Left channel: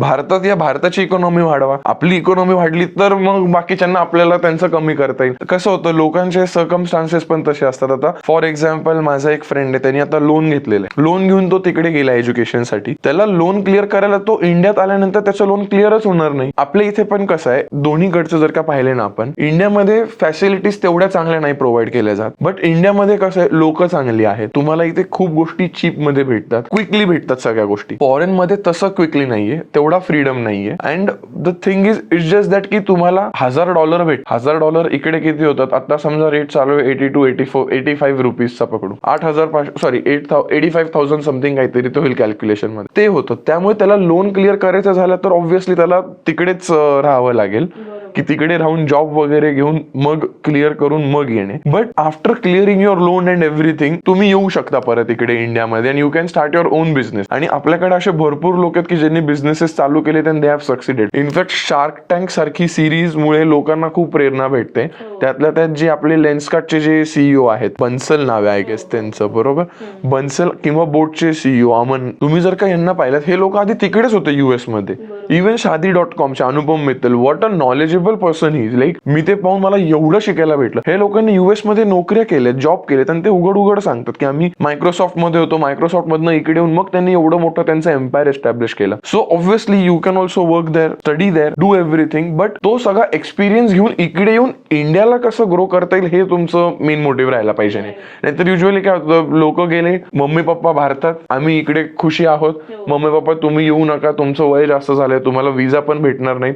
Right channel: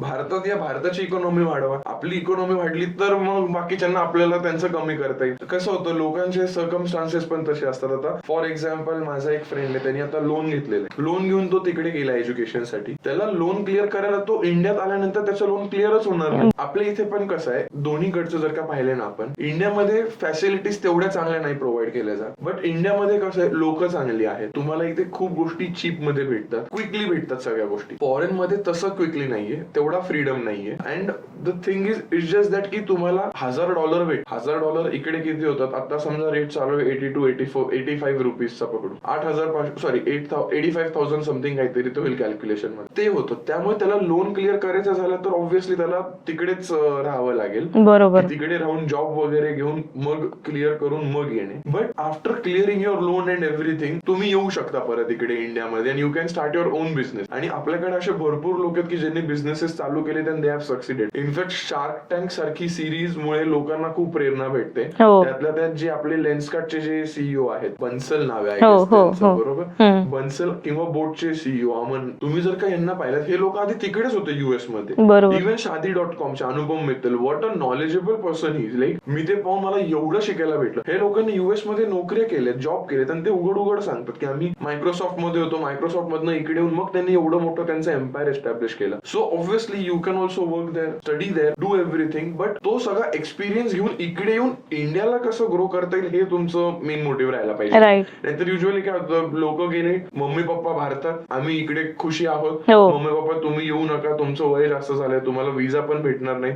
भारतात या भारताची इकॉनॉमी वाढवा. आपली इकॉनॉमी वाढली तर मग बाकीच्यांना आपल्याला त्यांचं कमी करता येईल. कसं होतं, लोकांचे सर्कमस्टान्सेस पण तसे असतात. आता फॉर एक्झाम्पल माझा एक फ्रेंड आहे, त्यांनी आता लोन घेतलेलं आहे. लोन घेऊन तो तिकडे गेला एज्युकेशनसाठी. त्याला लोन क्लिअर करायला तो इंडियात आल्यानंतर त्याचं लोन क्लिअरच होणार नाही. आपल्या इथे पण कसं आहे, दोन्हीकडचं जर का पाहिले ना आपण, इंडियामध्ये फॅसिलिटीज तेवढ्या चांगल्या नाही प्रोव्हाइड केल्या जात. बट इंडियामध्ये कसं आहे, लोक चांगली आहेत. तुम्हाला इथे खूप गोष्टी चीप मध्ये भेटतात, क्विकली भेटतात सगळ्या गोष्टी. फॉरेन मध्ये तसं क्विकली नाहीये, तेवढा फ्रीडम नाहीये. And the thing is it's just that की तुम्हाला $1000 भेट. $1000 इकडे किती होतात? आता समजा रेट चालू आहे 85 रुपीजचा पकडू, 85,000 समथिंग काहीतरी तो होईल कॅल्क्युलेशन मध्ये, ते होतं. त्यामुळे त्याला लोन क्लिअर करायचं झालं तर ऑब्व्हियसली त्याला तिकडेच राहावं लागेल, की तिकडे राहून जॉब वगैरे घेऊन मग क्लिअर करून मग येणे. But after clearing your loan and everything तुम्ही येऊ शकता परत इकडे इंडियामध्ये, and you can start your on business. आणि आपल्याकडे असे भरपूर लोक आहेत की ज्यांनी बिझनेसेस चालू केले and they have succeeded. In fact shark tank सारखी सिरीज मुळे लोकांना खूप प्रेरणा भेटते. त्यातल्या त्यात जे आपले लेन्सकार्टचे जे सीईओ आहेत, बन्सल नाव आहे आय गेस त्यांचं, बरोबर, बन्सल किंवा बोटचे सीईओ अमन, तुम्ही जर का यांना पाहिलं, हे लोक आधी तिकडेच होते युएस मध्ये. इव्हन Shaadi.comचे Anupam Mittal, what a knowledgeable person ही. लाईक मी ते पाहून मला एवढं शिकायला भेटलं. हे लोकांनी युएस मध्ये नोकऱ्या केल्यात, जॉब केलेत, आणि ते उघड उघड सांगतात की आम्ही मायक्रोसॉफ्ट मध्ये होतो, मायक्रोसॉफ्ट मधनं इकडे येऊन मग त्यांनी एवढं मोठं त्यांचं एम्पायर एस्टॅब्लिश केलं. So obviously you can also work there, study there, do everything. But तो सगळा एक्सपिरियन्स घेऊन इकडे येऊन इंडियाला कसं ग्रो करता येईल हे तुमचं मेन मोटिव्ह राहायला पाहिजे. नाहीतर युजली काय होतं, लोक गेले, मम्मी पप्पा भारतात, आम्ही इकडे खुशी आहोत, मम्मी पप्पा तुम्ही येऊ नका, तुमचं वय जास्त झालंय, तुम्हाला विजा पण भेटणार नाही,